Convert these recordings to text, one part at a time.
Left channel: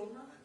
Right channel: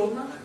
Buono.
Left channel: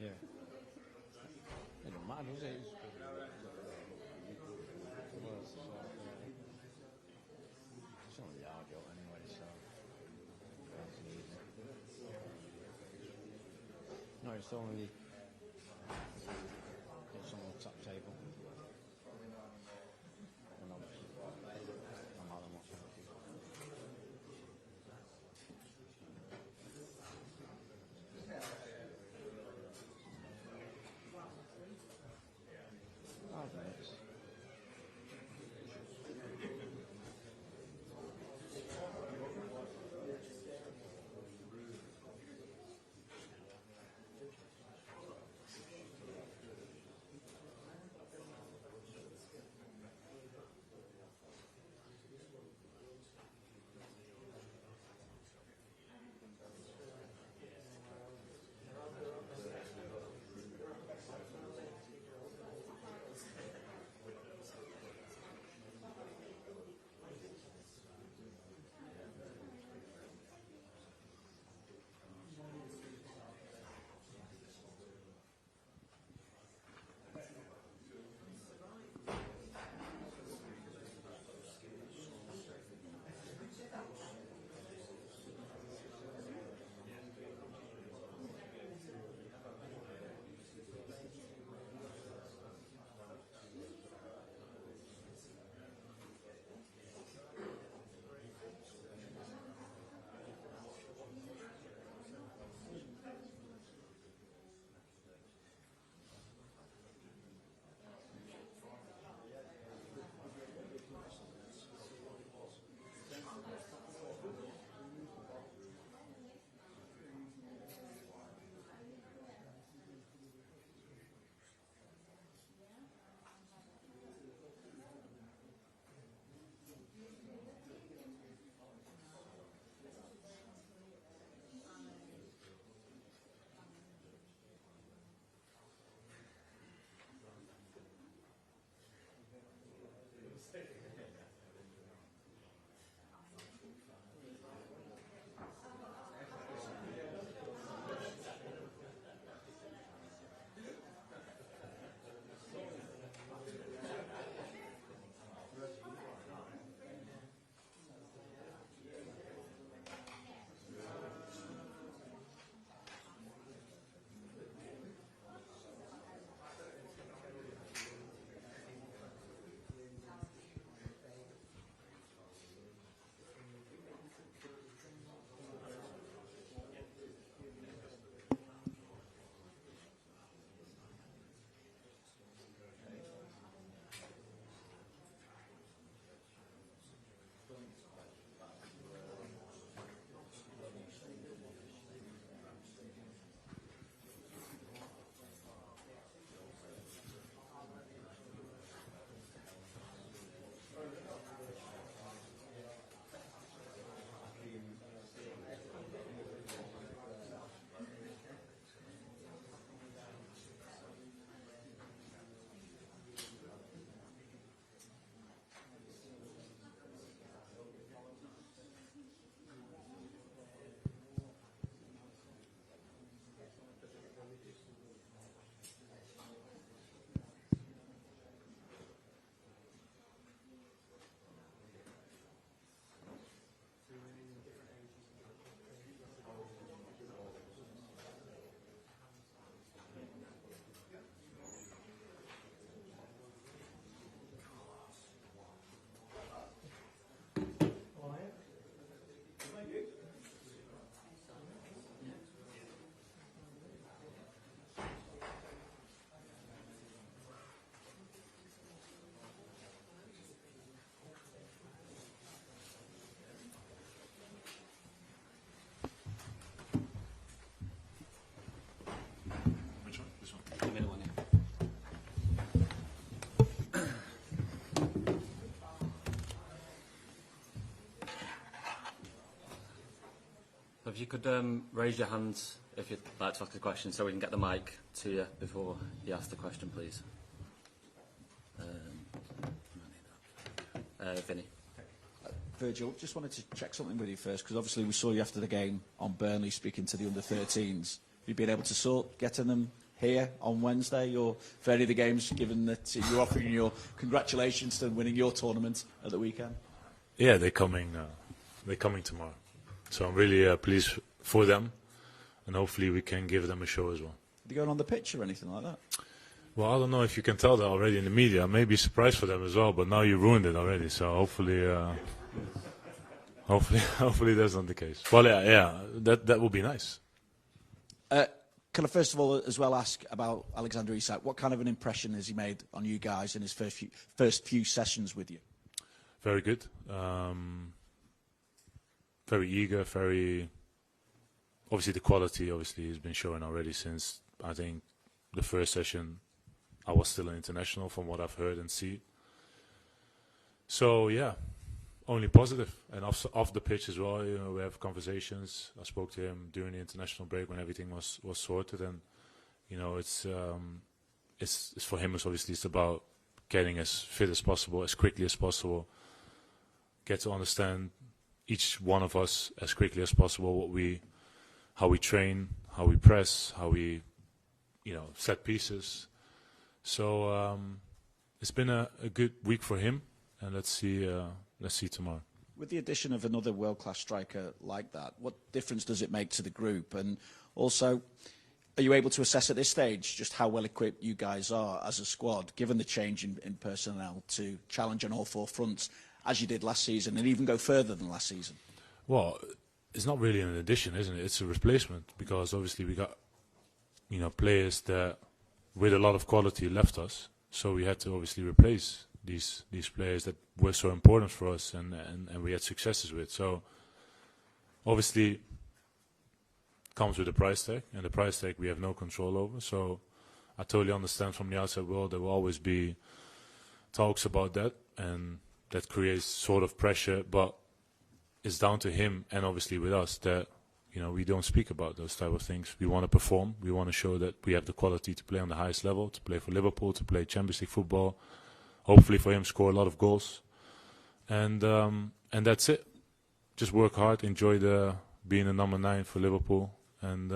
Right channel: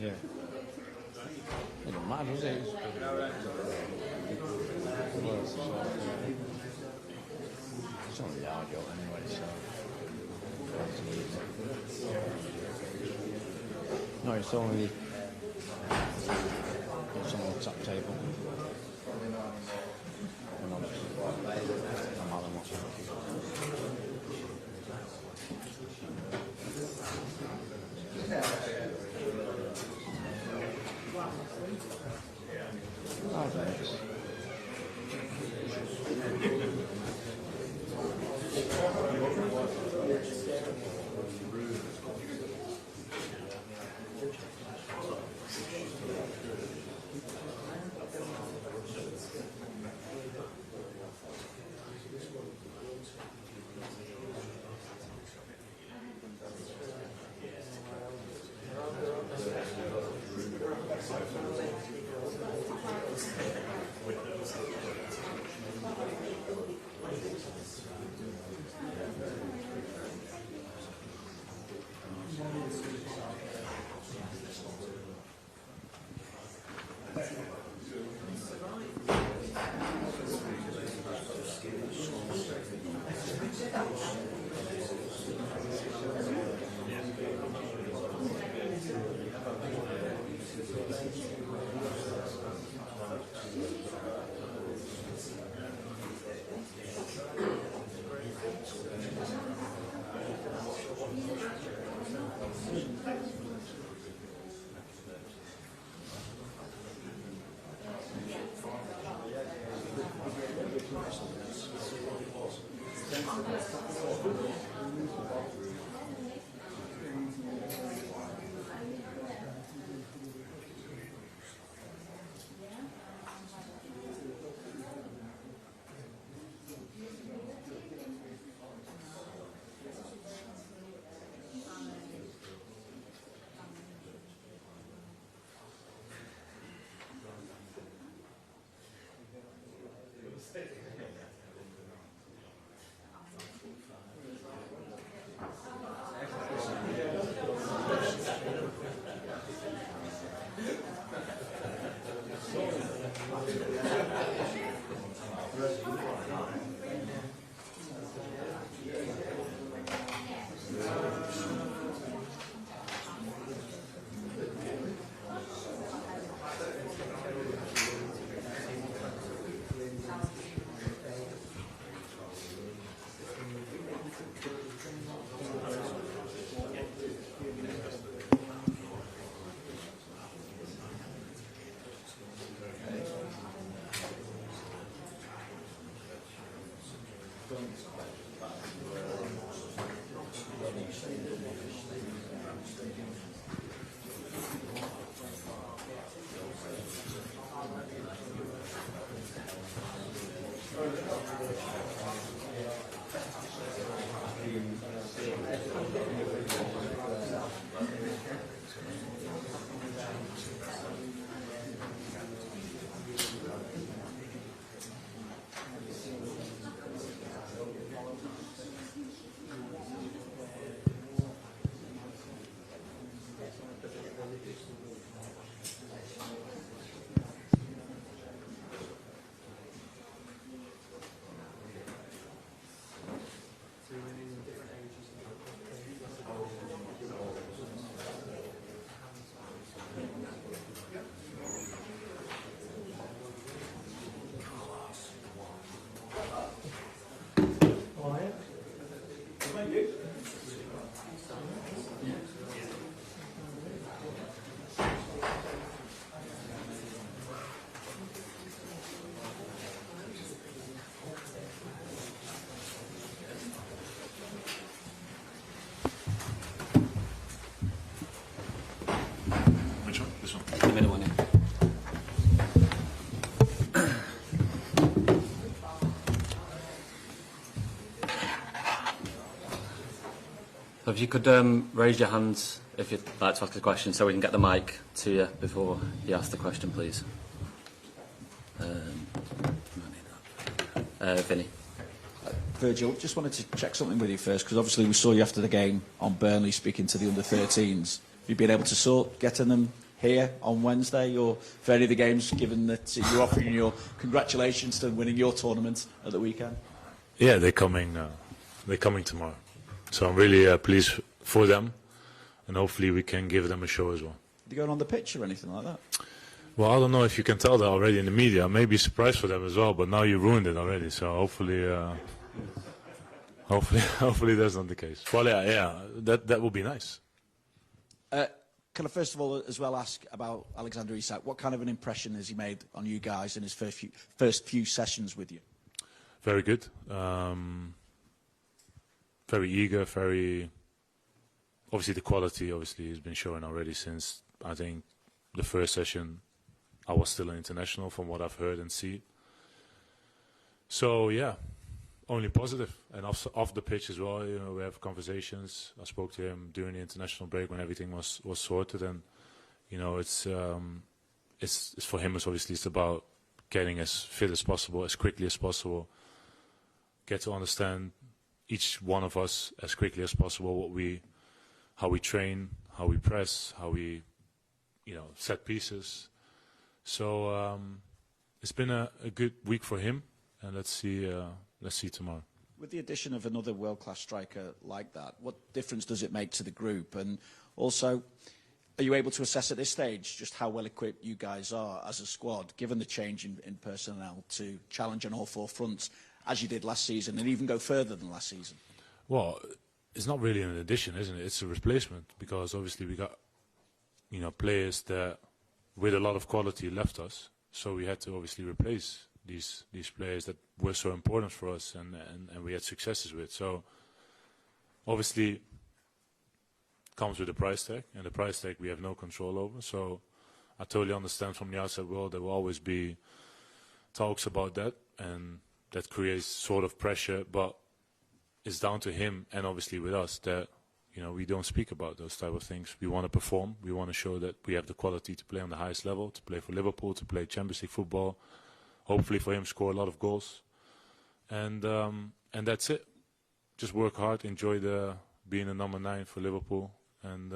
Yeah. It don't matter, does it? It's only audio anyway, so. No, it's only on the top table. And obviously, I'm not much. If you could raise your hands if you'd like to ask a question so we can get the mic to you before you ask the question, please. Vinny. Virgil, just wanted to check something with you first, because obviously we saw you after the game on Burnley speaking to the under-13s. You've been able to sort getting them here on Wednesday or for any of the games, given that you're offering your congratulations to them winning your tournament at the weekend? Yeah, they're coming tomorrow. So I'm really pleased for them, and hopefully we can give them a show as well. Are you going on the pitch or anything like that? Well, I don't know if you can tell that already in the media. Maybe a surprise for them as well, but now you ruined it already. So hopefully that's not the case. Well, yeah, that would be nice. Can I first of all as well ask about Alexander Isak? What kind of an impression has he made on you guys in his first few sessions with you? Very good. Very eager, very... Obviously the quality obviously has been showing already since, I think, the first session. I was still an international from what I've heard and see. So yeah, only positive. And off the pitch as well, you know, we have conversations. I spoke to him during the international break when everything was sorted, and you know, it's for him. It's obviously it's about getting as fit as possible, as quickly as possible. Get to understand each one of us as quickly as possible how we train, how we press, how we, you know, set pieces. So it's been a good week for him, and let's see tomorrow. With the addition of another world-class striker like that, what difference does it make to the group? And also, are you able to assess at this stage just how well equipped you guys are as a squad, given the change in personnel, to challenge on all four fronts, as you did last season, and even go further than last season? Well, it's not really an addition, isn't it? It's a replacement, because obviously we got, you know, players that with a lot of quality left us, so we had to obviously replace these players that were so important for us and we had successes with. So obviously it comes with a price tag, and the price tag we have no control over. So I totally understand from the outside world there will always be talks about that, and that creates sort of pressure, but it's down to him and obviously with us that, you know, we don't speak about those type of things. We want to perform. We want to show that we have the quality to play on the highest level, to play for Liverpool, to play Champions League football. Hopefully for him, score a lot of goals. And that's it. Just work hard, enjoy being the number 9 for Liverpool, and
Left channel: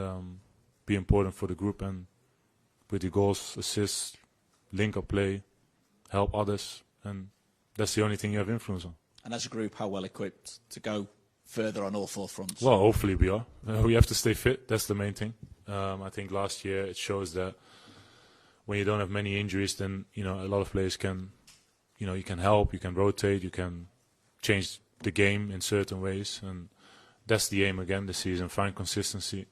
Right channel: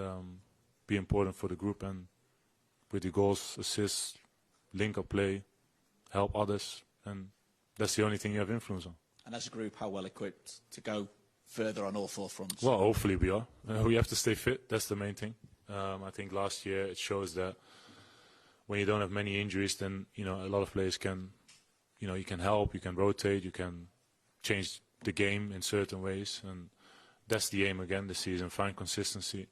be important for the group. And with the goals, assists, link-up play, help others. And that's the only thing you have influence on. And as a group, how well equipped to go further on all four fronts? Well, hopefully we are. We have to stay fit. That's the main thing. I think last year it shows that when you don't have many injuries, then, you know, a lot of players can, you know, you can help, you can rotate, you can change the game in certain ways, and that's the aim again this season. Find consistency,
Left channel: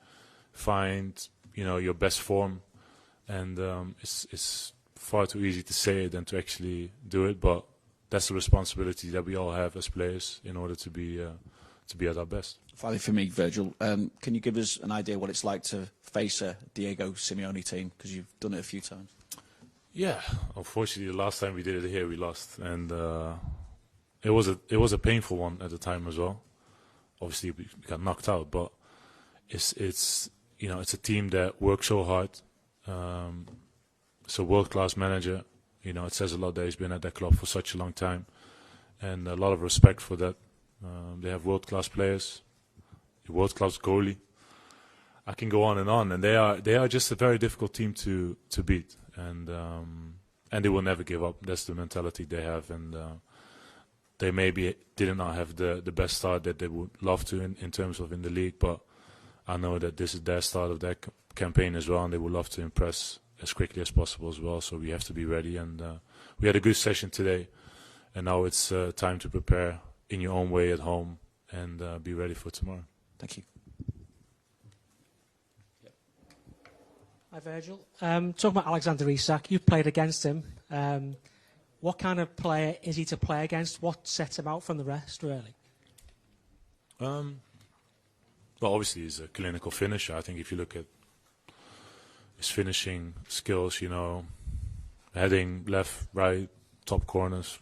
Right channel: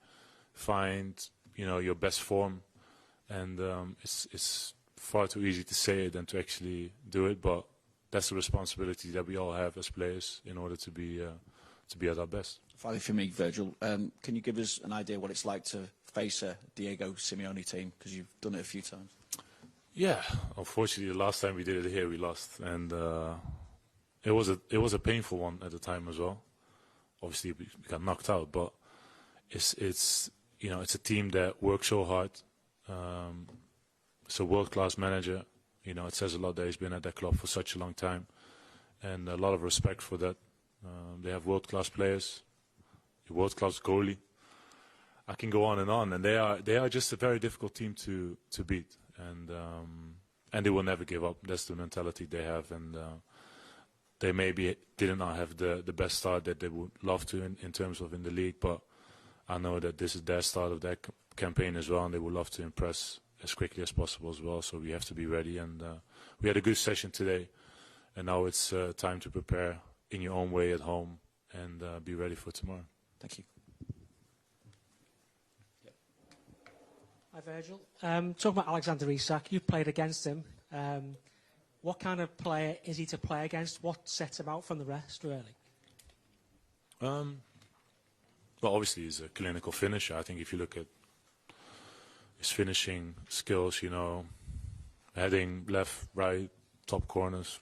find, you know, your best form, and it's far too easy to say it than to actually do it, but that's the responsibility that we all have as players in order to be at our best. Finally for me, Virgil, can you give us an idea what it's like to face a Diego Simeone team, because you've done it a few times? Yeah, unfortunately, the last time we did it here, we lost, and it was a painful one at the time as well. Obviously, we got knocked out, but it's you know, it's a team that works so hard. It's a world-class manager. You know, it says a lot that he's been at that club for such a long time, and a lot of respect for that. They have world-class players, a world-class goalie. I can go on, and they are just a very difficult team to beat, and they will never give up. That's the mentality they have, and they maybe did not have the best start that they would love to in terms of in the league, but I know that this is their start of their campaign as well, and they would love to impress as quickly as possible as well. So we have to be ready, and we had a good session today, and now it's time to prepare in your own way at home and be ready for tomorrow. Thank you. Hi Virgil. Talking about Alexander Isak, you've played against him. What kind of player is he to play against? What sets him out from the rest, really? Well, obviously he's a clinical finisher. I think if you look at his finishing skills, you know, heading left, right, top corners,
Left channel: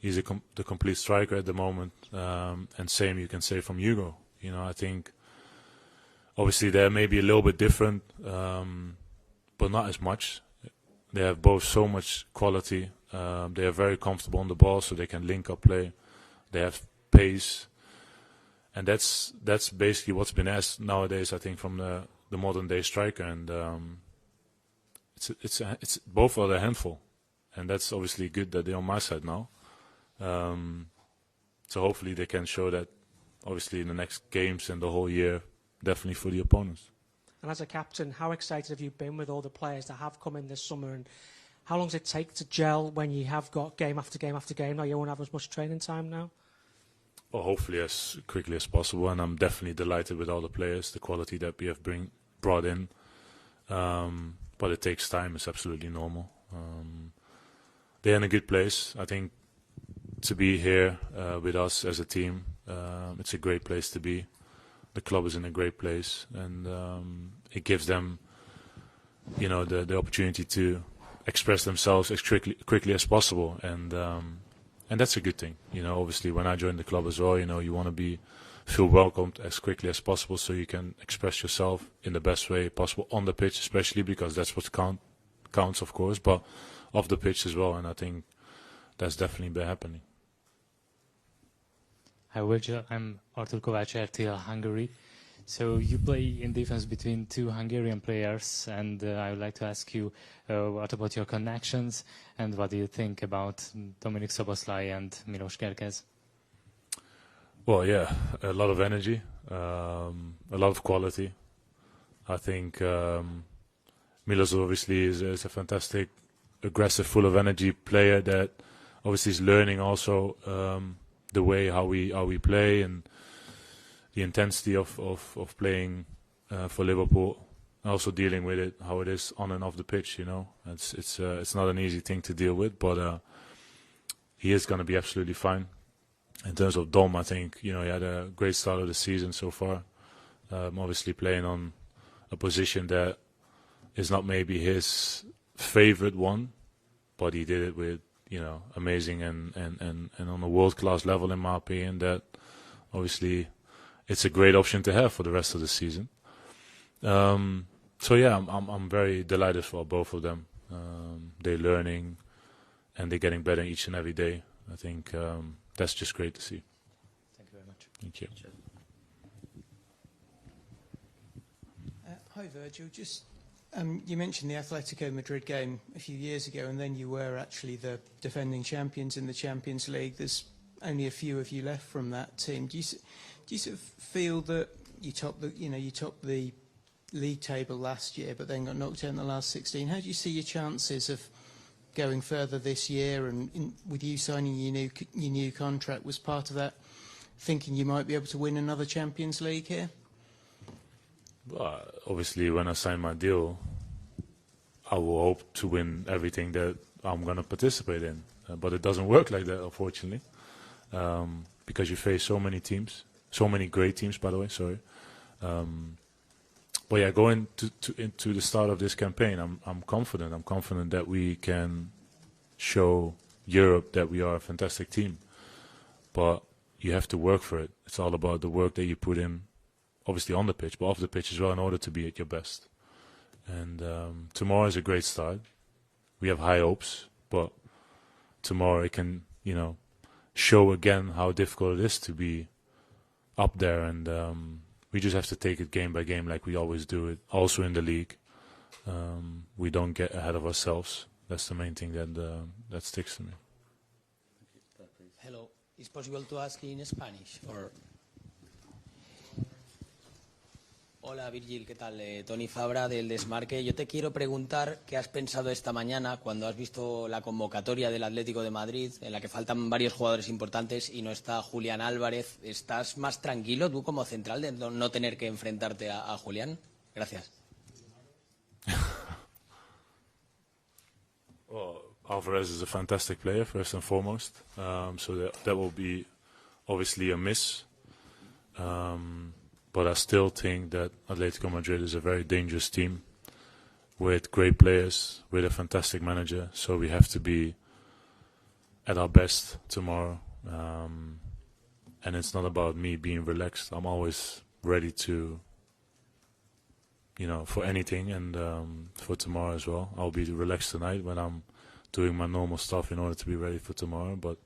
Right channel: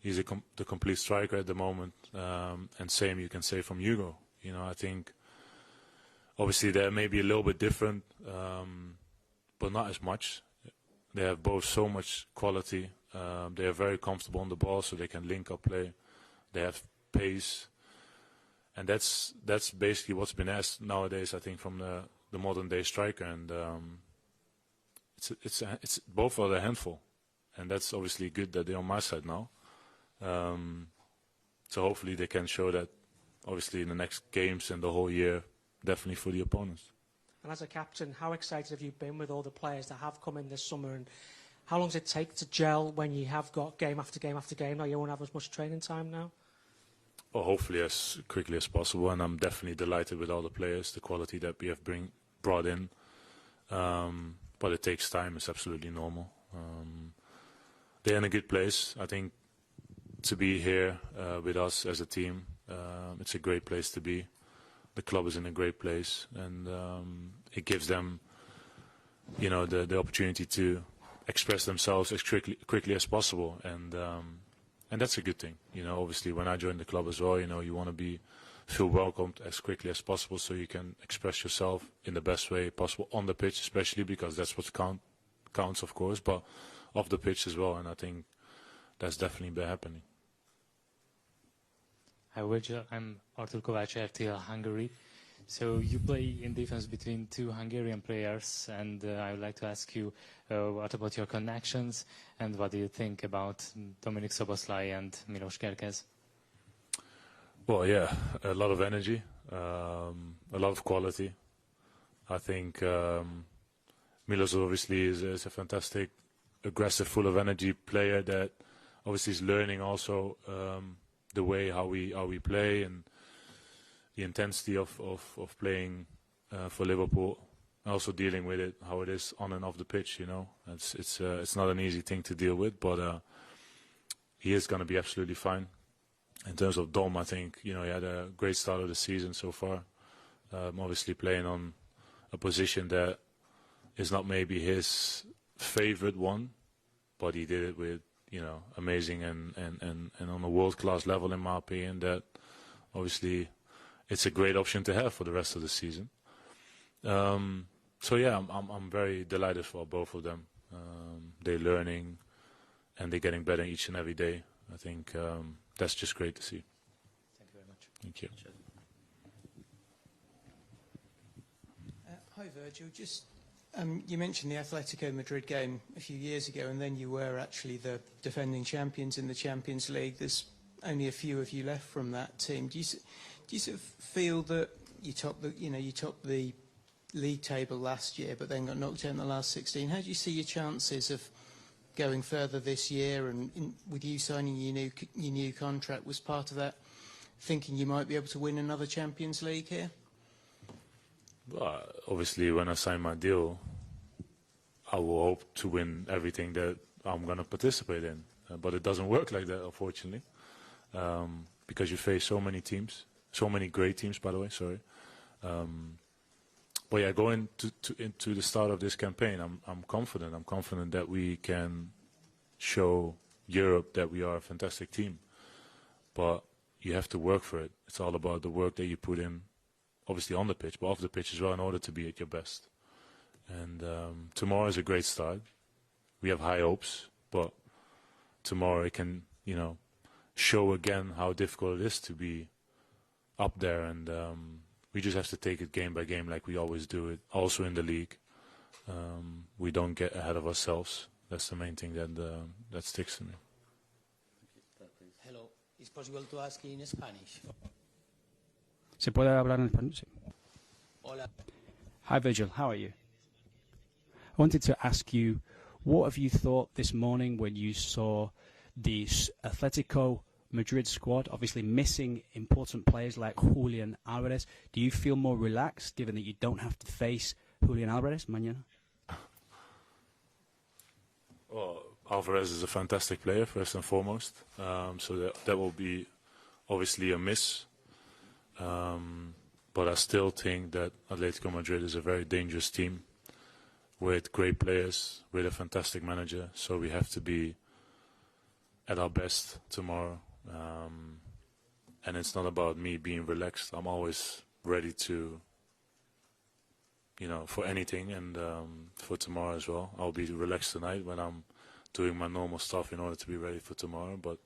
he's the complete striker at the moment. And same you can say from Hugo. You know, I think obviously they're maybe a little bit different, but not as much. They have both so much quality. They are very comfortable on the ball, so they can link up play. They have pace, and that's basically what's been asked nowadays, I think, from the modern day striker. And it's both are a handful, and that's obviously good that they're on my side now. So hopefully they can show that, obviously, in the next games and the whole year, definitely for the opponents. And as a captain, how excited have you been with all the players that have come in this summer, and how long does it take to gel when you have got game after game after game? Now you won't have as much training time now? Well, hopefully as quickly as possible, and I'm definitely delighted with all the players, the quality that we have brought in. But it takes time. It's absolutely normal. They're in a good place. I think to be here with us as a team, it's a great place to be. The club is in a great place, and it gives them, you know, the opportunity to express themselves as quickly as possible, and that's a good thing. You know, obviously when I joined the club as well, you know, you want to feel welcomed as quickly as possible, so you can express yourself in the best way possible on the pitch, especially because that's what counts, of course, but off the pitch as well. And I think that's definitely been happening. Hi, Virgil. I'm Artur Kovács, RTL Hungary. So you play in defense between two Hungarian players, and I would like to ask you what about your connections, and what do you think about Dominik Szoboszlai and Milos Kerkez? Well, yeah, a lot of energy, a lot of quality. I think Milos obviously is a fantastic, aggressive, full of energy player that obviously is learning also the way how we play and the intensity of playing for Liverpool, also dealing with it how it is on and off the pitch. You know, it's not an easy thing to deal with, but he is going to be absolutely fine. In terms of Dom, I think, you know, he had a great start of the season so far. Obviously playing on a position that is not maybe his favorite one, but he did it with, you know, amazing and on a world-class level, in my opinion. That obviously it's a great option to have for the rest of the season. So yeah, I'm very delighted for both of them. They're learning and they're getting better each and every day. I think that's just great to see. Thank you very much. Thank you. Hi, Virgil. Just you mentioned the Atletico Madrid game a few years ago, and then you were actually the defending champions in the Champions League. There's only a few of you left from that team. Do you sort of feel that you topped the league table last year, but then got knocked out in the last 16? How do you see your chances of going further this year? And with you signing your new contract, was part of that thinking you might be able to win another Champions League here? Obviously, when I sign my deal, I will hope to win everything that I'm going to participate in. But it doesn't work like that, unfortunately, because you face so many teams, so many great teams, by the way. Sorry. But yeah, going into the start of this campaign, I'm confident. I'm confident that we can show Europe that we are a fantastic team. But you have to work for it. It's all about the work that you put in, obviously on the pitch, but off the pitch as well, in order to be at your best. And tomorrow is a great start. We have high hopes, but tomorrow it can, you know, show again how difficult it is to be up there. And we just have to take it game by game, like we always do it. Also in the league, we don't get ahead of ourselves. That's the main thing that sticks to me. Hello, is possible to ask in Spanish or? ¿Se puede hablar en español? Sí. Hola Virgil, ¿qué tal? Hi, Virgil. Ahora del Desmarque. Yo te quiero preguntar qué has pensado esta what mañana have you cuando has thought this visto la morning when you convocatoria del saw Atlético de Madrid, en la que faltan Atletico varios jugadores Madrid importantes y no squad, está obviously Julián missing Álvarez. important ¿Estás players más like tranquilo tú Julián como central de Álvarez? no Do you tener feel que more enfrentarte relaxed a given that you Julián? don't have to Gracias. face Julián Álvarez mañana? Well, Alvarez is a fantastic player, first and foremost. So that will be obviously a miss. But I still think that Atlético Madrid is a very dangerous team with great players, with a fantastic manager. So we have to be at our best tomorrow. And it's not about me being relaxed. I'm always ready to, you know, for anything. And for tomorrow as well. I'll be relaxed tonight when I'm doing my normal stuff in order to be ready for tomorrow. But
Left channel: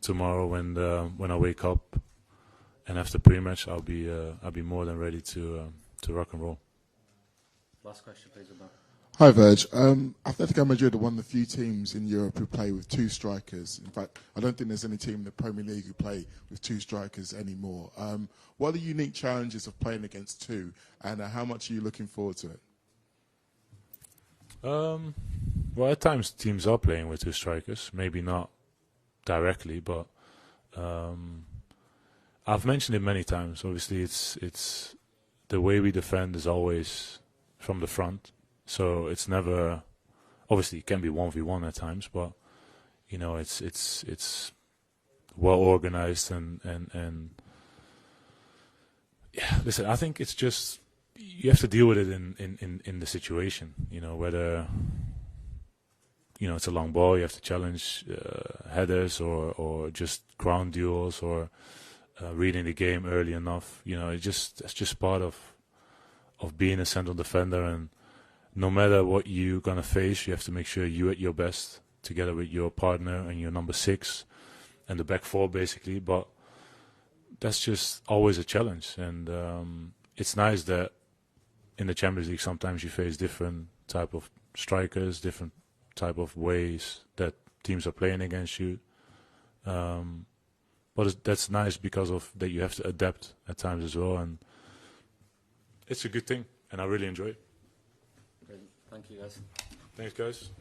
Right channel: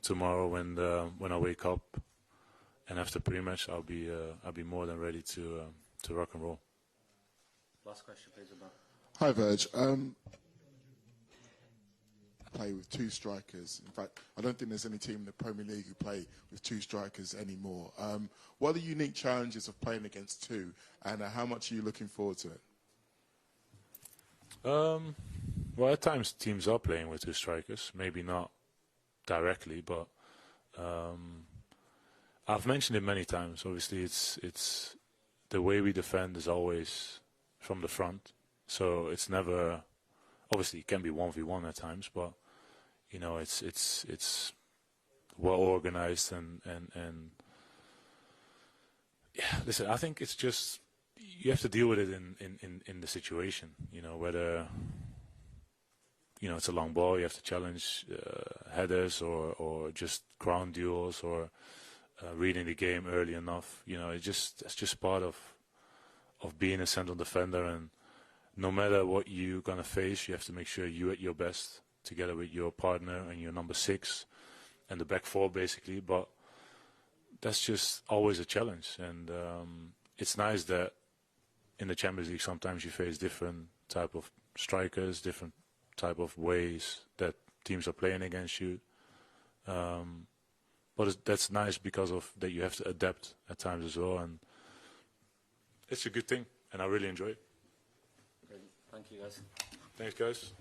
tomorrow when I wake up, and after pre-match, I'll be more than ready to rock and roll. Last question, please, about. Hi, Virg. Atletico Madrid are one of the few teams in Europe who play with two strikers. In fact, I don't think there's any team in the Premier League who play with two strikers anymore. What are the unique challenges of playing against two, and how much are you looking forward to it? Well, at times teams are playing with two strikers. Maybe not directly, but I've mentioned it many times. Obviously, it's the way we defend is always from the front, So it's never, obviously it can be 1v1 at times, but you know, it's well organized and yeah, listen, I think it's just, you have to deal with it in the situation, you know, whether, you know, it's a long ball, you have to challenge headers or just ground duels or reading the game early enough. You know, it's just part of being a central defender, and no matter what you're gonna face, you have to make sure you're at your best together with your partner and your number 6 and the back 4 basically. But that's just always a challenge, and it's nice that in the Champions League sometimes you face different type of strikers, different type of ways that teams are playing against you. But that's nice because of that you have to adapt at times as well, and it's a good thing, and I really enjoy it. Brilliant. Thank you, guys. Thanks, guys.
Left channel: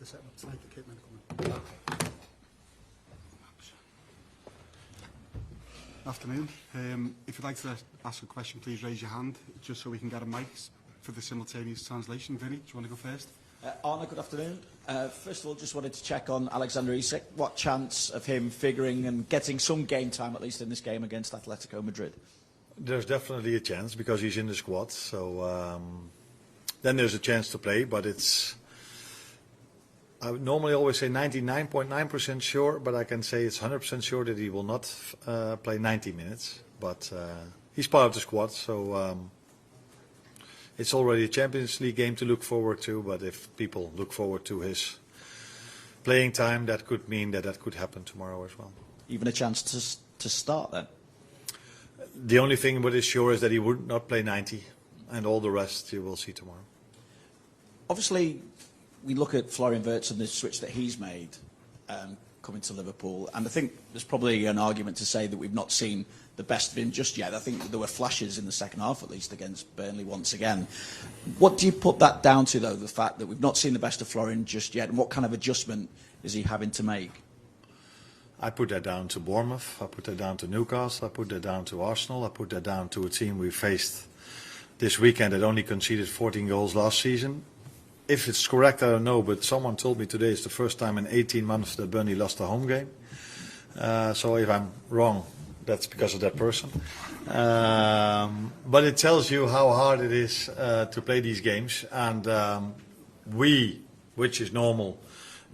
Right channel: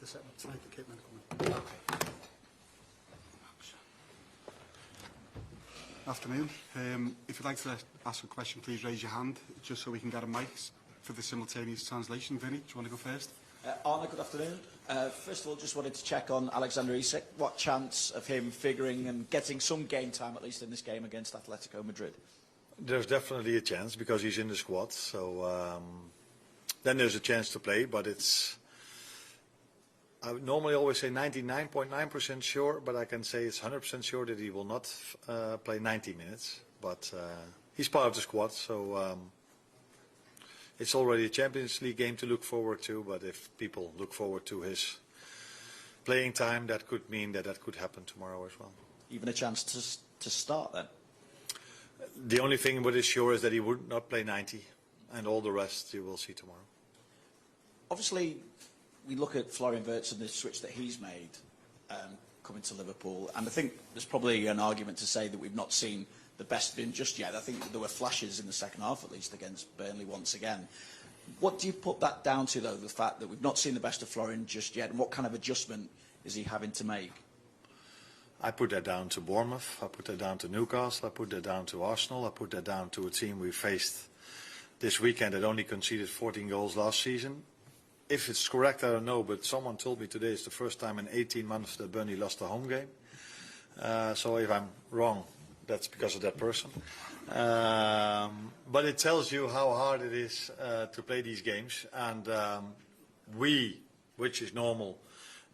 the set up side the kit and then come in. Afternoon. If you'd like to ask a question, please raise your hand, just so we can get a mic for the simultaneous translation. Vinny, do you want to go first? Arne, good afternoon. First of all, just wanted to check on Alexander Isak. What chance of him figuring and getting some game time, at least in this game against Atletico Madrid? There's definitely a chance because he's in the squad. So then there's a chance to play, but it's... I would normally always say 99.9% sure, but I can say it's 100% sure that he will not play 90 minutes. But he's part of the squad, so it's already a Champions League game to look forward to. But if people look forward to his playing time, that could mean that that could happen tomorrow as well. Even a chance to start then? The only thing what is sure is that he would not play 90, and all the rest you will see tomorrow. Obviously, we look at Florian Wirtz and the switch that he's made coming to Liverpool, and I think there's probably an argument to say that we've not seen the best of him just yet. I think there were flashes in the second half, at least, against Burnley once again. What do you put that down to, though, the fact that we've not seen the best of Florian just yet, and what kind of adjustment is he having to make? I put that down to Bournemouth, I put that down to Newcastle, I put that down to Arsenal, I put that down to a team we faced this weekend that only conceded 14 goals last season. If it's correct, I don't know, but someone told me today it's the first time in 18 months that Burnley lost a home game. So if I'm wrong, that's because of that person. But it tells you how hard it is to play these games. And which is normal,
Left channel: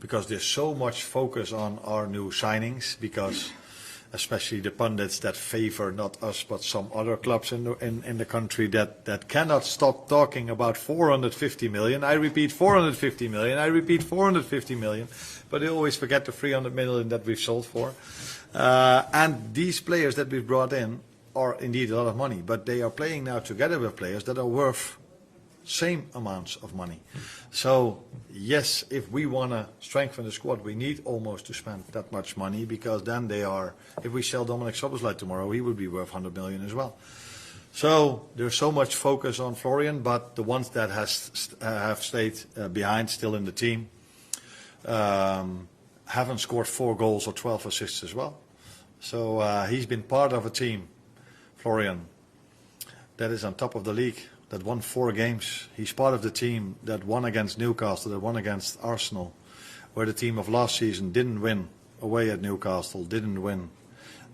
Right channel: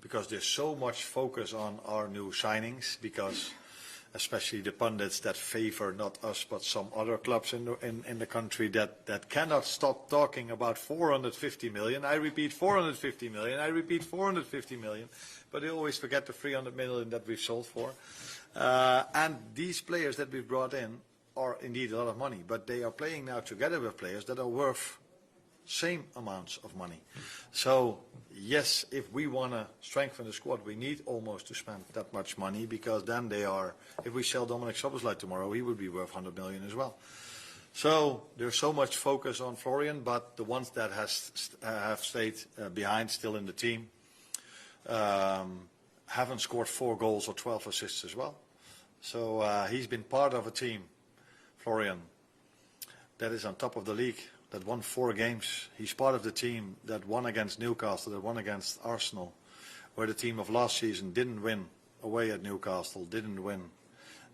because there's so much focus on our new signings, because especially the pundits that favor not us but some other clubs in the country that cannot stop talking about 450 million. I repeat 450 million, I repeat 450 million, but they always forget the 300 million that we've sold for. And these players that we've brought in are indeed a lot of money, but they are playing now together with players that are worth same amounts of money. So yes, if we want to strengthen the squad, we need almost to spend that much money, because then they are, if we sell Dominic Szoboszlai tomorrow, he would be worth 100 million as well. So there's so much focus on Florian, but the ones that have stayed behind, still in the team, haven't scored 4 goals or 12 assists as well. So he's been part of a team, Florian, that is on top of the league, that won 4 games. He's part of the team that won against Newcastle, that won against Arsenal, where the team of last season didn't win away at Newcastle, didn't win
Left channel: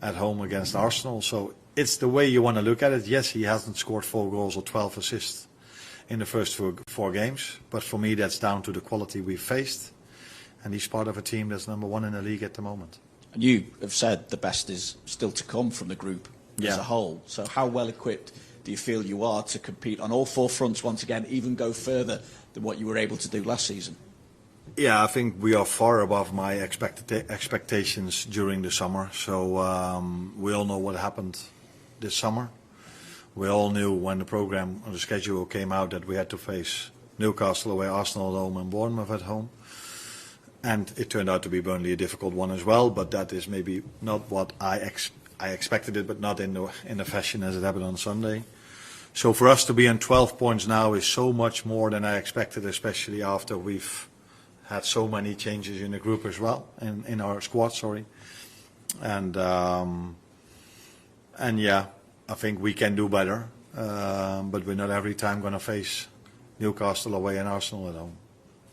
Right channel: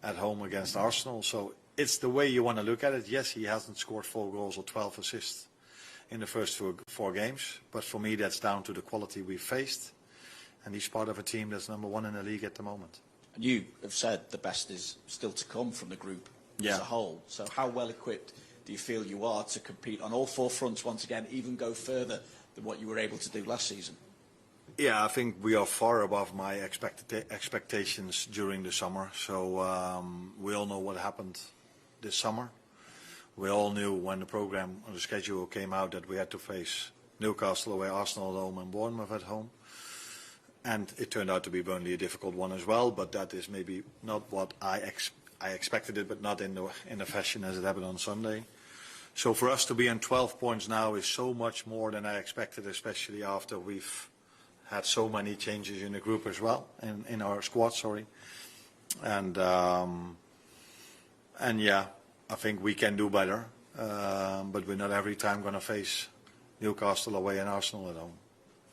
at home against Arsenal. So it's the way you want to look at it. Yes, he hasn't scored 4 goals or 12 assists in the first 4 games, but for me that's down to the quality we faced, and he's part of a team that's #1 in the league at the moment. And you have said the best is still to come from the group as a whole. So how well equipped do you feel you are to compete on all 4 fronts once again, even go further than what you were able to do last season? Yeah, I think we are far above my expectations during the summer. So we all know what happened this summer. We all knew when the program or the schedule came out that we had to face Newcastle away, Arsenal at home and Bournemouth at home. And it turned out to be Burnley a difficult one as well, but that is maybe not what I expected it, but not in the fashion as it happened on Sunday. So for us to be on 12 points now is so much more than I expected, especially after we've had so many changes in the group as well, in our squad, sorry. And yeah, I think we can do better, but we're not every time going to face Newcastle away and Arsenal at home.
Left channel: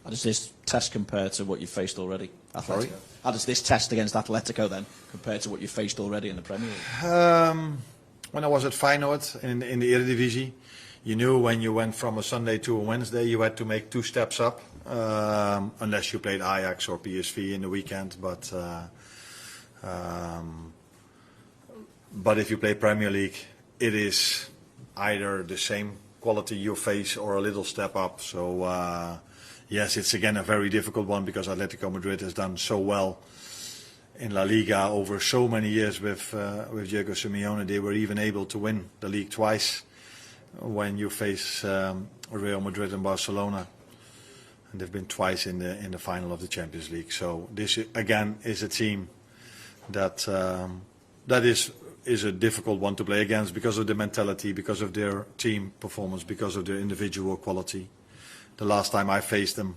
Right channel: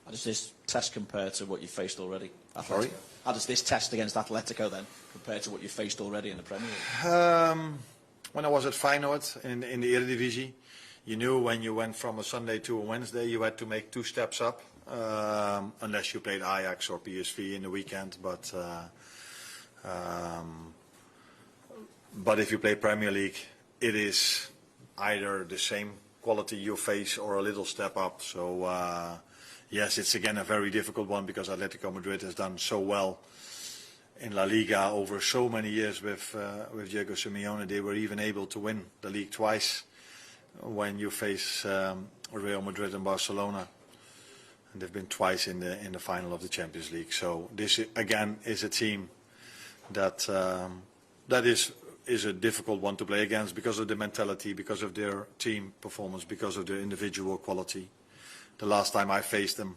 How does this test compare to what you've faced already? Sorry? How does this test against Atletico then compare to what you've faced already in the Premier League? When I was at Feyenoord in the Eredivisie, you knew when you went from a Sunday to a Wednesday, you had to make 2 steps up, unless you played Ajax or PSV in the weekend. But if you play Premier League, it is either the same quality you face or a little step up. So yes, it's again a very difficult one, because Atletico Madrid has done so well in La Liga over so many years with Diego Simeone. They were even able to win the league twice when you face Real Madrid and Barcelona, and they've been twice in the final of the Champions League. So this again is a team that is a difficult one to play against, because of the mentality, because of their team performance, because of their individual quality. The last time I faced them,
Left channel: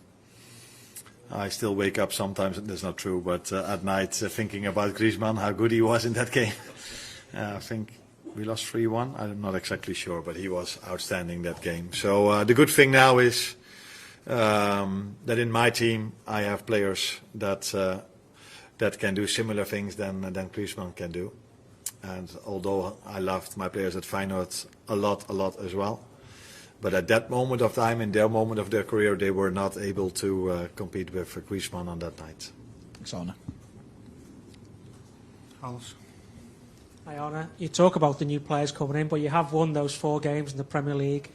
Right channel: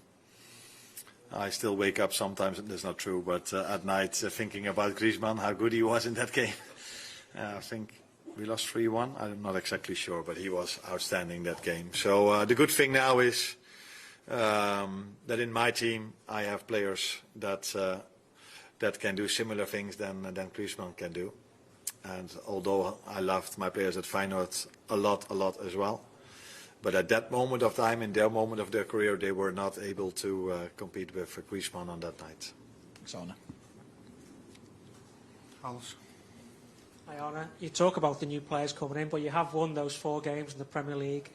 I still wake up sometimes, and that's not true, but at night thinking about Griezmann, how good he was in that game. I think we lost 3-1. I'm not exactly sure, but he was outstanding that game. So the good thing now is that in my team I have players that that can do similar things than Griezmann can do. And although I loved my players at Feyenoord a lot as well, but at that moment of time, in their moment of their career, they were not able to compete with Griezmann on that night. Thanks, Arne. Alice. Hi, Arne. You talk about the new players coming in, but you have won those 4 games in the Premier League.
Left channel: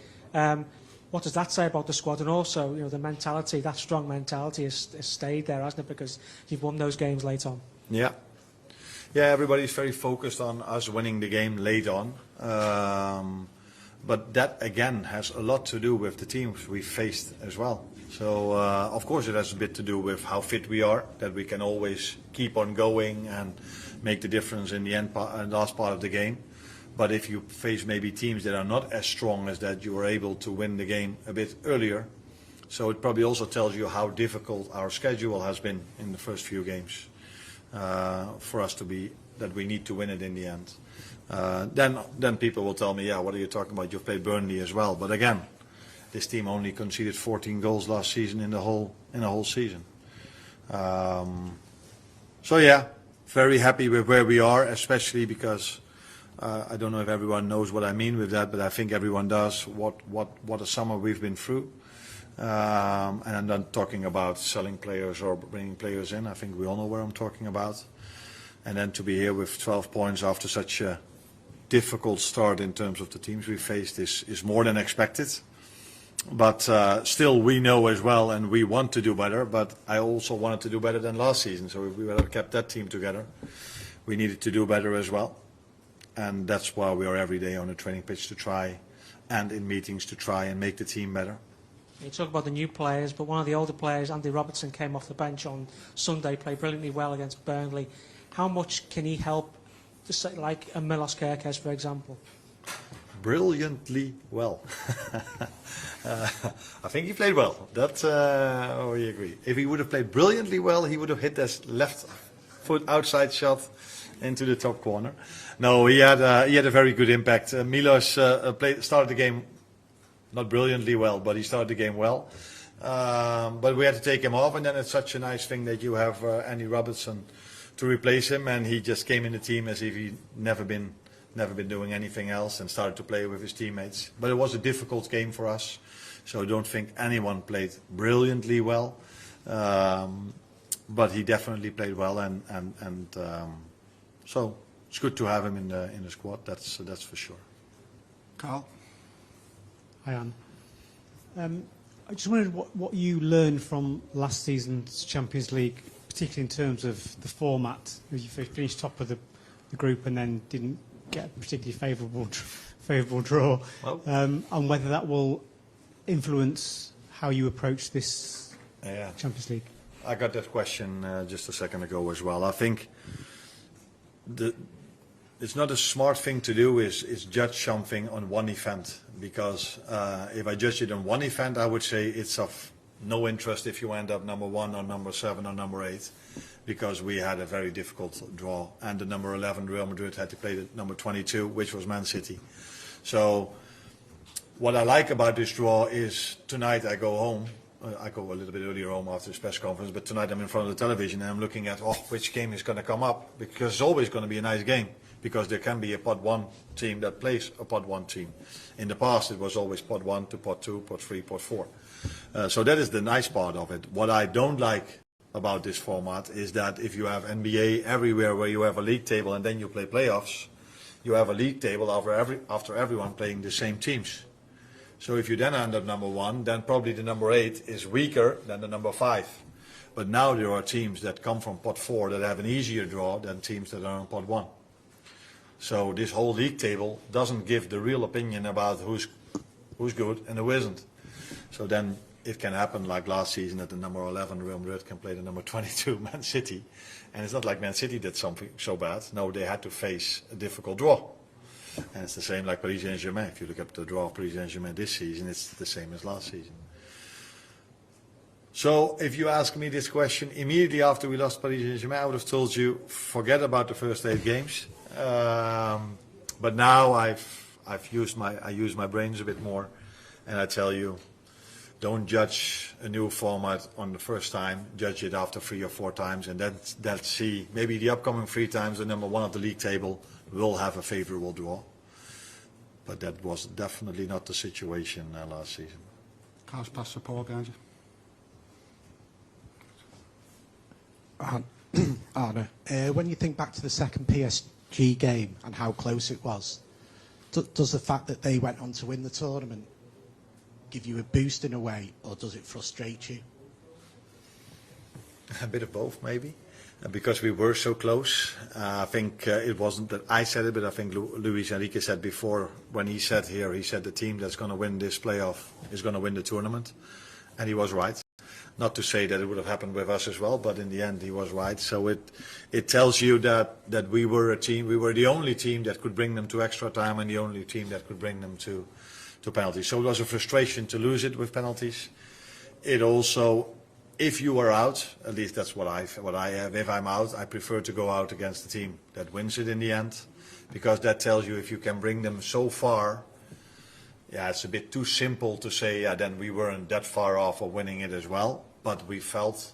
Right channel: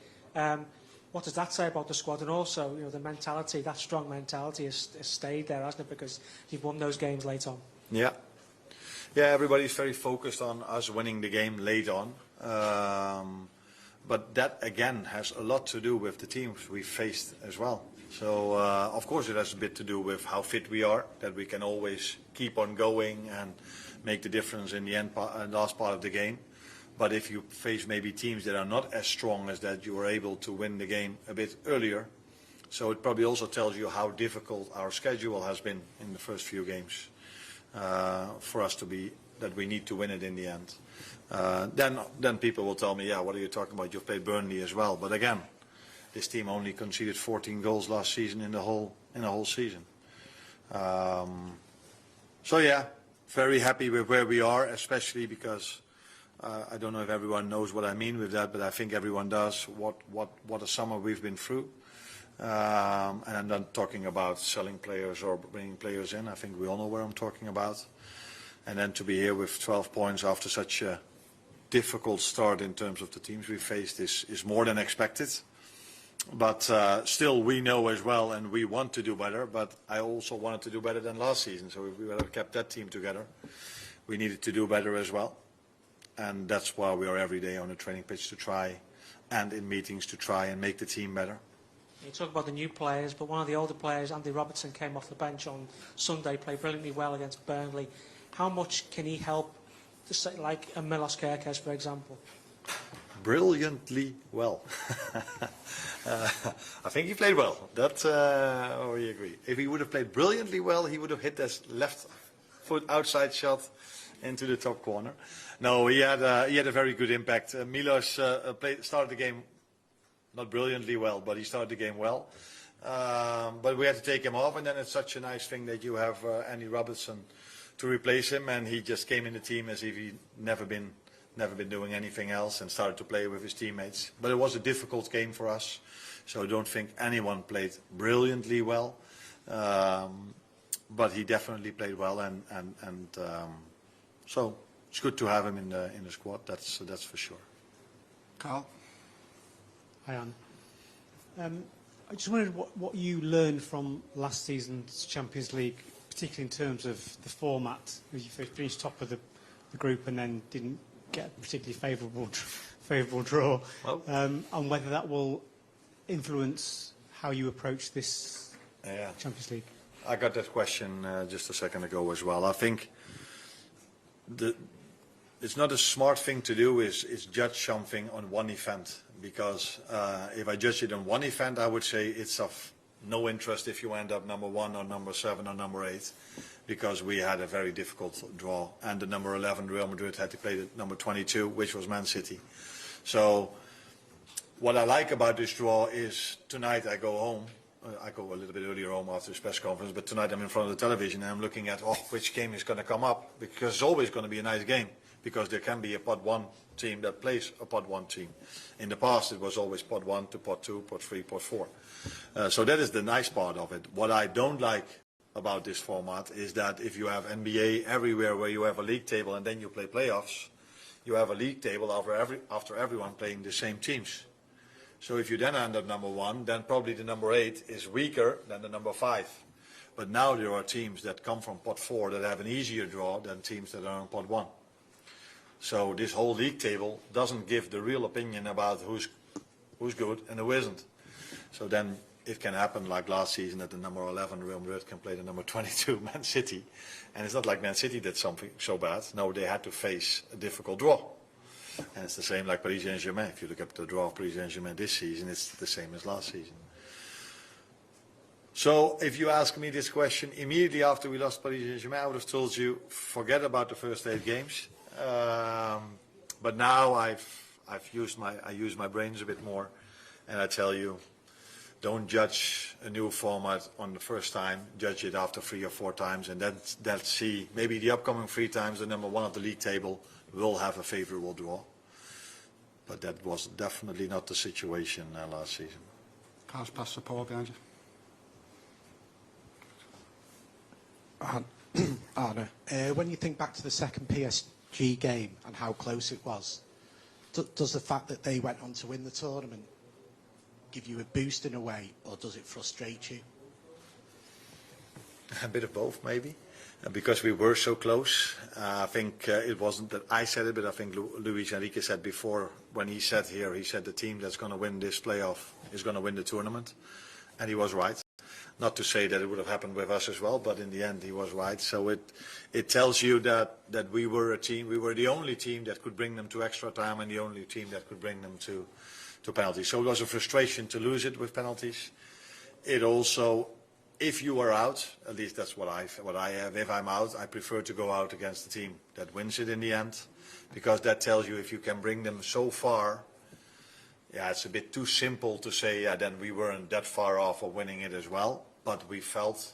What does that say about the squad? And also, you know, the mentality, that strong mentality has stayed there, hasn't it? Because you've won those games late on. Yeah. Yeah, everybody's very focused on us winning the game late on. But that, again, has a lot to do with the teams we faced as well. So, of course, it has a bit to do with how fit we are, that we can always keep on going and make the difference in the end, last part of the game. But if you face maybe teams that are not as strong as that, you are able to win the game a bit earlier. So it probably also tells you how difficult our schedule has been in the first few games for us to be, that we need to win it in the end. Then people will tell me, yeah, what are you talking about? You've played Burnley as well. But again, this team only conceded 14 goals last season in the whole season. So yeah, very happy with where we are, especially because I don't know if everyone knows what I mean with that, but I think everyone does. What a summer we've been through. And I'm not talking about selling players or bringing players in. I think we all know where I'm talking about. And then to be here with 12 points after such a difficult start in terms of the teams we faced is more than expected. But still, we know as well, and we want to do better. But I also wanted to do better than last season. So if we would have kept that team together, we needed to do better as well. And that's why we are every day on a training pitch to try, and in meetings to try and make the team better. You talk about the new players, but one of the older players, Andy Robertson, came off the bench on Sunday, played brilliantly well against Burnley. How much can he help, like a Milos Kerkez, for example? Brilliantly well. I think he played well. That we agree. If he would have played brilliantly well, he would have hit his left foot outside shot into the top corner. No, he had a very good impact. Milos started the game not brilliantly well, but he started the game well. But we had to take him off, and then it's such a nice thing that you have Andy Robertson to replace him, and he just came in the team as if he'd never been doing anything else and started to play with his teammates. But it was a difficult game for us, so I don't think anyone played brilliantly well. But he definitely played well, and so it's good to have him in the squad. That's for sure. Carl. Hi, Anne. I just wondered what you learned from last season's Champions League, particularly in terms of the format. You finished top of the group and then didn't get a particularly favourable draw, and whether that will influence how you approach this Champions League. I got that question just a second ago as well. I think it's not a smart thing to do is judge something on one event, because if I judge it on one event, I would say it's of no interest if you end up number 1 or number 7 or number 8, because we had a very difficult draw, and the number 11 Real Madrid had to play the number 22, which was Man City. So what I like about this draw is tonight I go home. I go a little bit earlier home after this press conference, but tonight I'm in front of the television and I'm looking at which game is going to come up, because it's always going to be a nice game, because there can be a pot 1 team that plays a pot 1 team. In the past it was always pot 1 to pot 2, pot 3, pot 4. So that is the nice part of it. What I don't like about this format is that if you have NBA everywhere where you have a league table and then you play playoffs, you have a league table after everyone playing the same teams. So if you then end up number 1, then probably the number 8 is weaker than the number 5. But now there are teams that come from pot 4 that have an easier draw than teams that are in pot 1. So this whole league table doesn't give the real opinion about who's good and who isn't. So then it can happen like last season that the number 11 Real Madrid can play the number 22 Man City. And it's not like Man City did something so bad. No, they had to face a difficult draw. And it's the same like Paris Saint-Germain. If you look at the draw of Paris Saint-Germain this season, it's the same as last season. So if you ask me this question immediately after we lost Paris Saint-Germain, I would have told you, forget about the first 8 games. But now I use my brains a bit more, and I tell you, don't judge a new format on the first time. Judge it after 3 or 4 times, and then see maybe the upcoming 3 times the number 1 of the league table will have a favourable draw. But that was definitely not the situation last season. Carl's pass support behind you. Arne, when you think back to the second PSG game and how close it was, does the fact that they went on to win the tournament give you a boost in a way, or does it frustrate you? A bit of both, maybe. Because we were so close. I think it wasn't that I said it, but I think Luis Enrique said before, when he said here, he said the team that's going to win this playoff is going to win the tournament. And he was right. Not to say that it would have happened with us as well, but in the end he was right. So it tells you that we were a team, we were the only team that could bring them to extra time and the only team that could bring them to penalties. So it was a frustration to lose it with penalties. It also, if you are out, at least that's what I have, if I'm out, I prefer to go out against the team that wins it in the end, because that tells you if you can bring them so far. Yeah, it's a bit too simple to say, yeah, then we weren't that far off of winning it as well, but we felt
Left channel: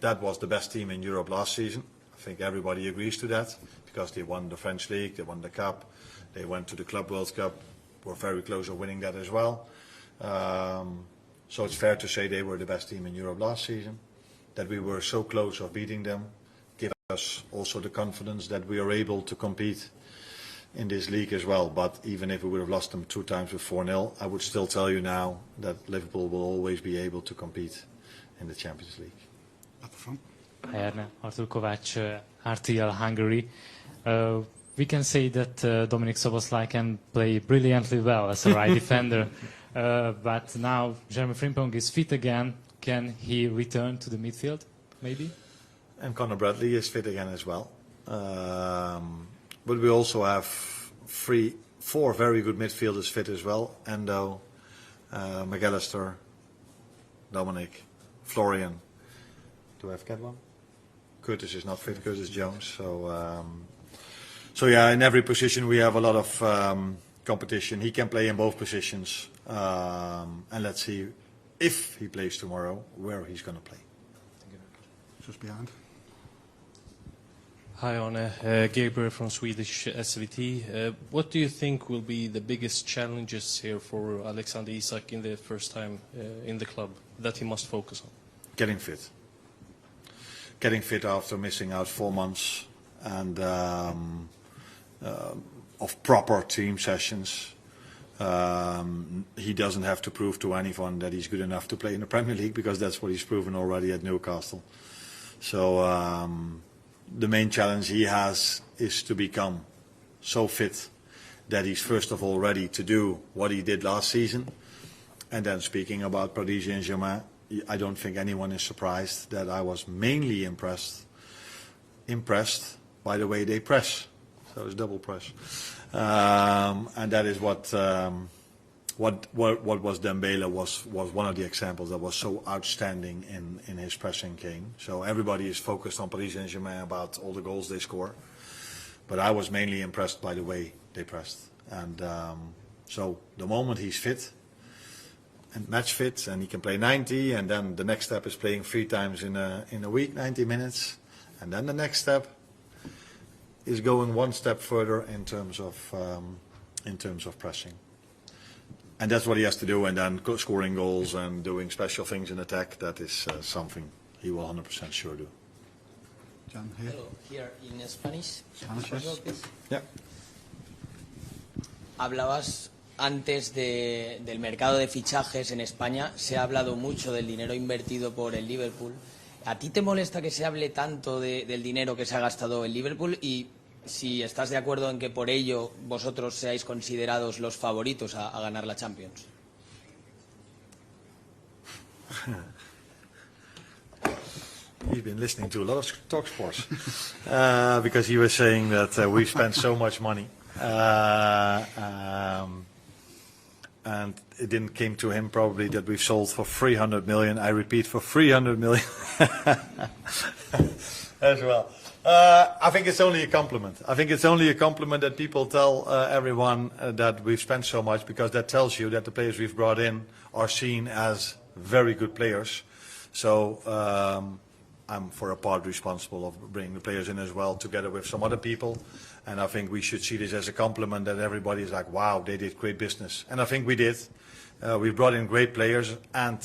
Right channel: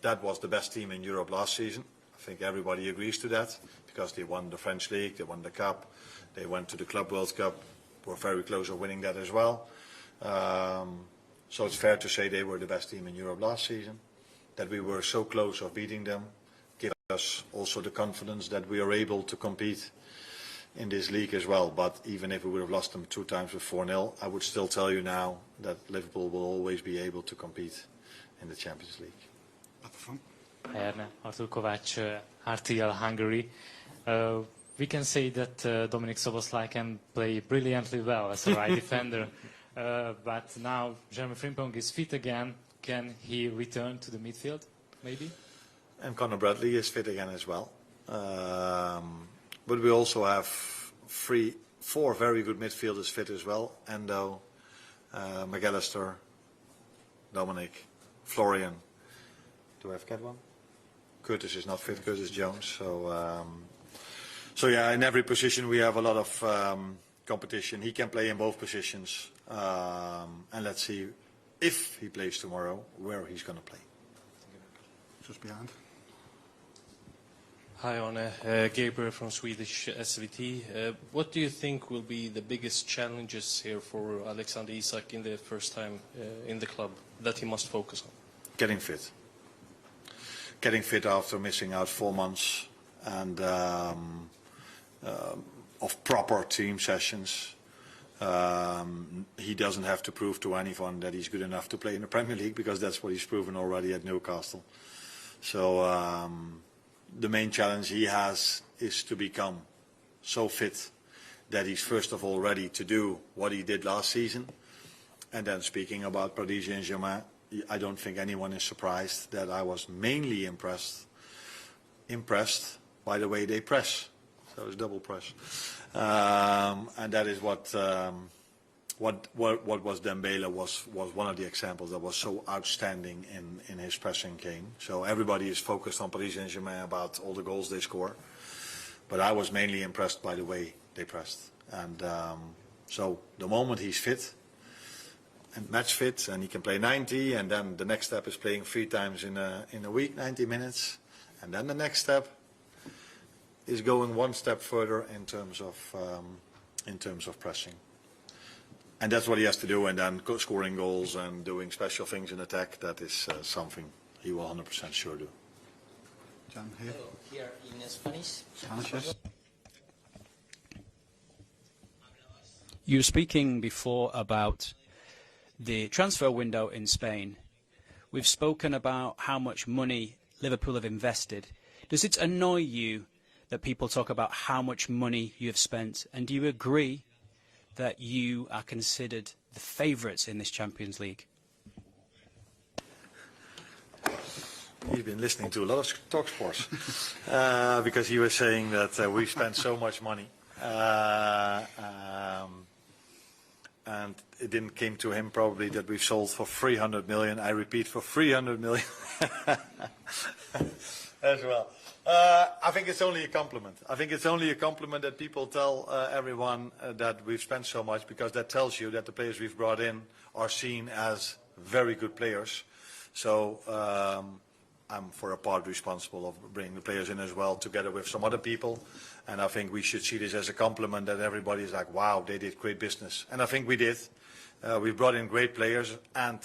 that was the best team in Europe last season. I think everybody agrees to that, because they won the French League, they won the Cup, they went to the Club World Cup, were very close to winning that as well. So it's fair to say they were the best team in Europe last season, that we were so close of beating them, gives us also the confidence that we are able to compete in this league as well. But even if we would have lost them 2 times with 4-0, I would still tell you now that Liverpool will always be able to compete in the Champions League. At the front. Arne, Artur Kovács, RTL Hungary. We can say that Dominik Szoboszlai can play brilliantly well as a right defender, but now Jeremy Frimpong is fit again. Can he return to the midfield, maybe? And Conor Bradley is fit again as well. But we also have 4 very good midfielders fit as well. Endo, McAllister, Dominic, Florian. Do I forget one? Curtis is not fit, Curtis Jones. So yeah, in every position we have a lot of competition. He can play in both positions. And let's see if he plays tomorrow, where he's going to play. Just behind. Hi Arne, Gabriel from Swedish SVT. What do you think will be the biggest challenges here for Alexander Isak in the first time in the club that he must focus on? Getting fit. Getting fit after missing out 4 months and of proper team sessions. He doesn't have to prove to anyone that he's good enough to play in the Premier League, because that's what he's proven already at Newcastle. So the main challenge he has is to become so fit that he's first of all ready to do what he did last season. And then speaking about Paris Saint-Germain, I don't think anyone is surprised that I was mainly impressed by the way they press. So it's double press. And that is what was Dembele was one of the examples that was so outstanding in his pressing game. So everybody is focused on Paris Saint-Germain about all the goals they score, but I was mainly impressed by the way they pressed. And so the moment he's fit and match fit and he can play 90, and then the next step is playing 3 times in a week, 90 minutes, and then the next step is going 1 step further in terms of pressing. And that's what he has to do, and then scoring goals and doing special things in attack, that is something he will 100% sure do. John, here. Here in Spanish. Sanchez. Yeah. Hablabas You were antes speaking del mercado de fichajes en España. Se ha hablado mucho del dinero invertido por el Liverpool. ¿A ti te molesta que se hable tanto del dinero que se ha gastado en Liverpool? Y si estás de acuerdo en que por ello vosotros seáis considerados los favoritos a ganar la Champions. He's been listening to a lot of talk sports because he was saying that we spent so much money. and it didn't came to him probably that we've sold for 300 million. I repeat, for 300 million as well. I think it's only a compliment. I think it's only a compliment that people tell everyone that we've spent so much, because that tells you that the players we've brought in are seen as very good players. So I'm for a part responsible of bringing the players in as well, together with some other people. And I think we should see this as a compliment, that everybody is like, wow, they did great business. And I think we did. We brought in great players, and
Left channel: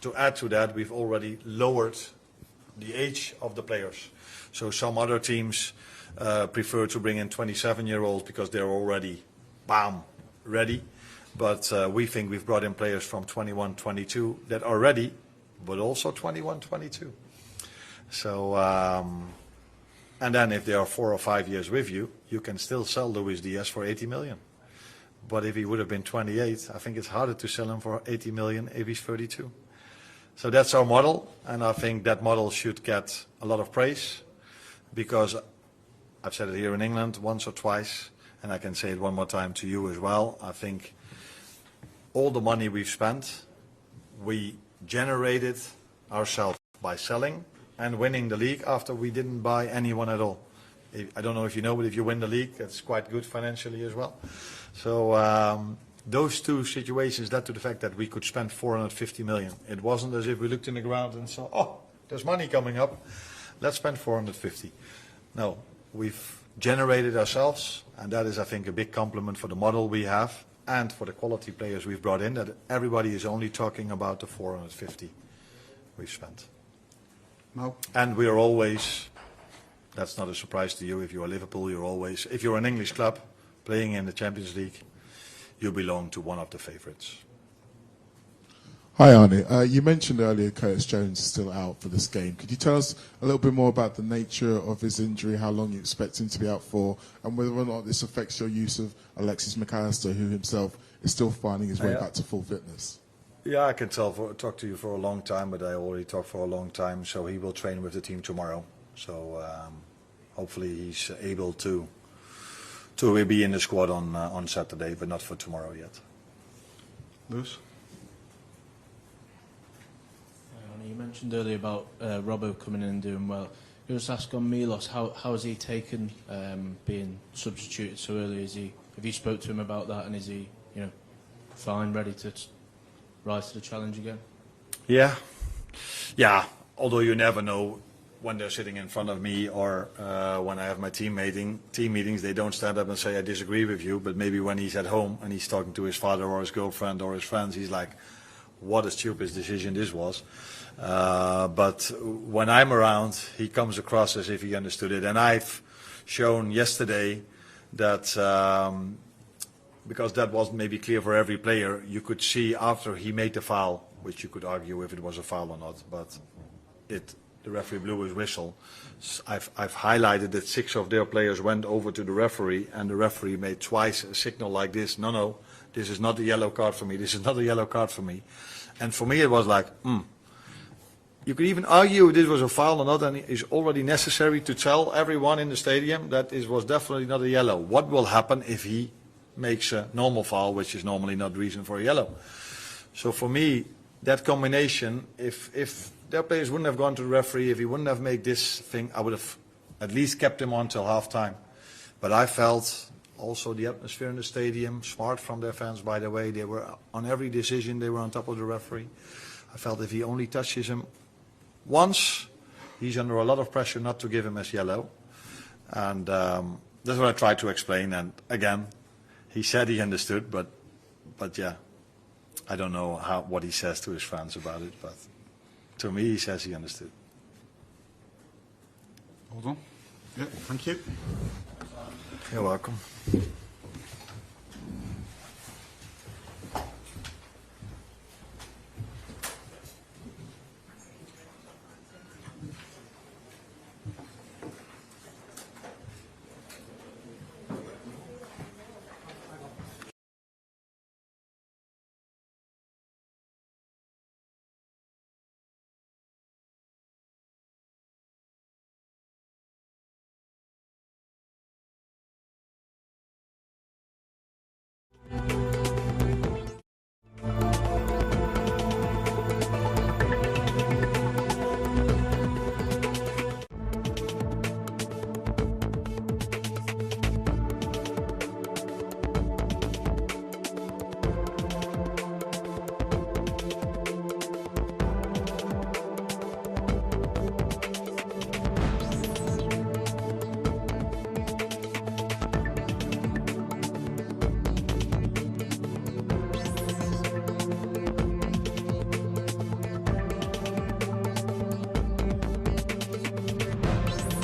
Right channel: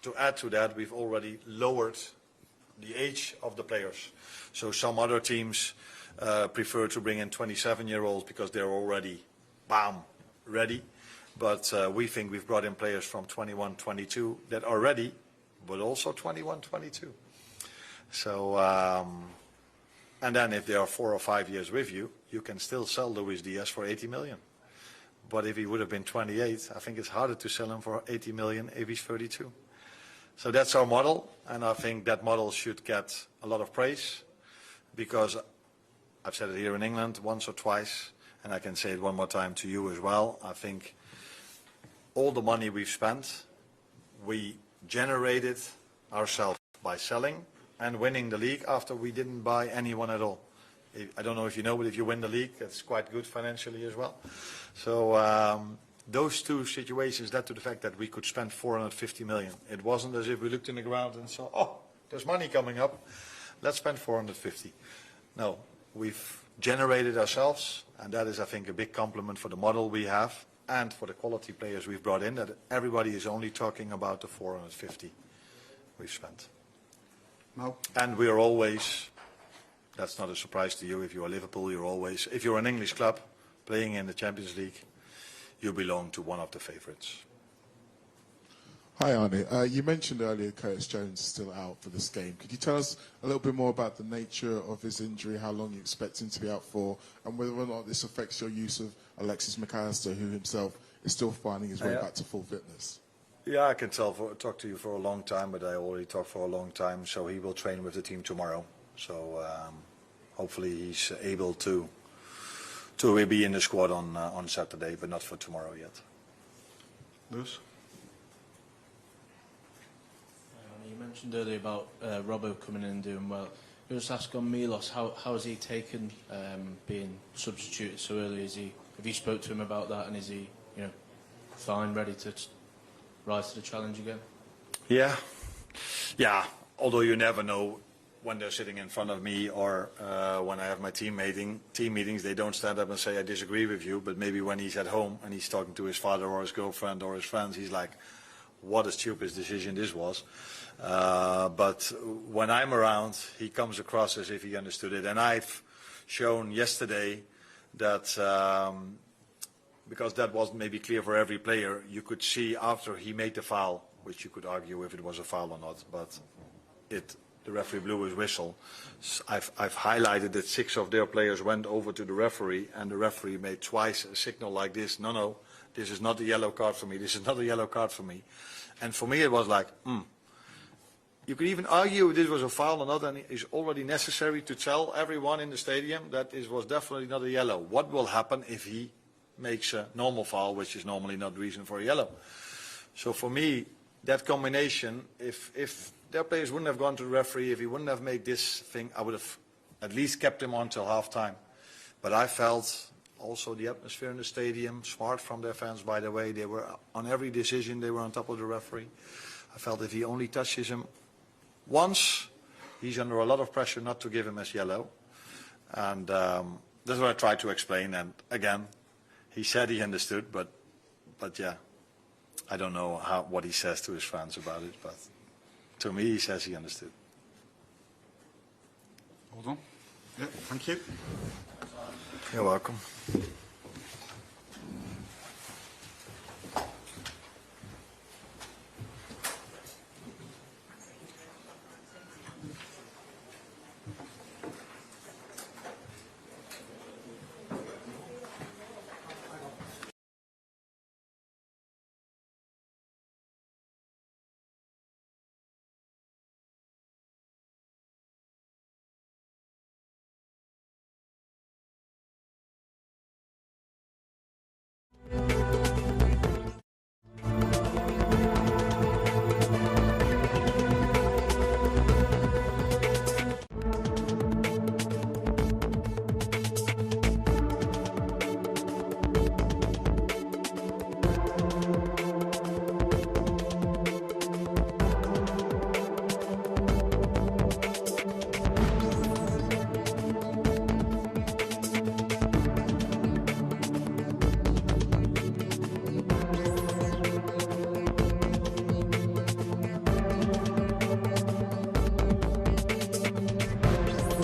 to add to that, we've already lowered the age of the players. So some other teams prefer to bring in 27-year-olds because they're already, bam, ready. But we think we've brought in players from 21, 22 that are ready, but also 21, 22. So, and then if they are 4 or 5 years with you, you can still sell Luis Diaz for 80 million. But if he would have been 28, I think it's harder to sell him for 80 million if he's 32. So that's our model, and I think that model should get a lot of praise, because I've said it here in England once or twice, and I can say it one more time to you as well. I think all the money we've spent, we generated ourselves by selling and winning the league after we didn't buy anyone at all. I don't know if you know, but if you win the league, that's quite good financially as well. So those two situations led to the fact that we could spend 450 million. It wasn't as if we looked in the ground and saw, oh, there's money coming up, let's spend 450. No, we've generated ourselves, and that is, I think, a big compliment for the model we have and for the quality players we've brought in, that everybody is only talking about the 450 we've spent. No. And we're always, that's not a surprise to you, if you're Liverpool, you're always, if you're an English club playing in the Champions League, you belong to one of the favourites. Hi Arne, you mentioned earlier Curtis Jones is still out for this game. Could you tell us a little bit more about the nature of his injury, how long you expect him to be out for, and whether or not this affects your use of Alexis McAllister, who himself is still finding his way back to full fitness? Yeah, I can talk to you for a long time, but I already talked for a long time, so he will train with the team tomorrow. So hopefully he's able to be in the squad on Saturday, but not for tomorrow yet. Lewis? You mentioned earlier about Robbo coming in and doing well. You just ask on Milos, how has he taken being substituted so early? Have you spoke to him about that, and is he, fine, ready to rise to the challenge again? Yeah. Although you never know when they're sitting in front of me, or when I have my team meetings, they don't stand up and say I disagree with you. But maybe when he's at home and he's talking to his father or his girlfriend or his friends, he's like, "What a stupid decision this was." But when I'm around, he comes across as if he understood it. And I've shown yesterday that, because that wasn't maybe clear for every player, you could see after he made the foul, which you could argue if it was a foul or not, but the referee blew his whistle. I've highlighted that 6 of their players went over to the referee, and the referee made twice a signal like this: no, this is not a yellow card for me, this is not a yellow card for me. And for me it was like, You could even argue if this was a foul or not, and it is already necessary to tell everyone in the stadium that it was definitely not a yellow. What will happen if he makes a normal foul, which is normally not reason for a yellow? So for me, that combination, if their players wouldn't have gone to the referee, if he wouldn't have made this thing, I would have at least kept him on till half-time. But I felt also the atmosphere in the stadium, smart from their fans, by the way. They were on every decision, they were on top of the referee. I felt if he only touches him once, he's under a lot of pressure not to give him as yellow. And that's what I tried to explain. And again, he said he understood, but yeah, I don't know what he says to his fans about it, but to me he says he understood. Hold on. Yeah, thank you. You're welcome.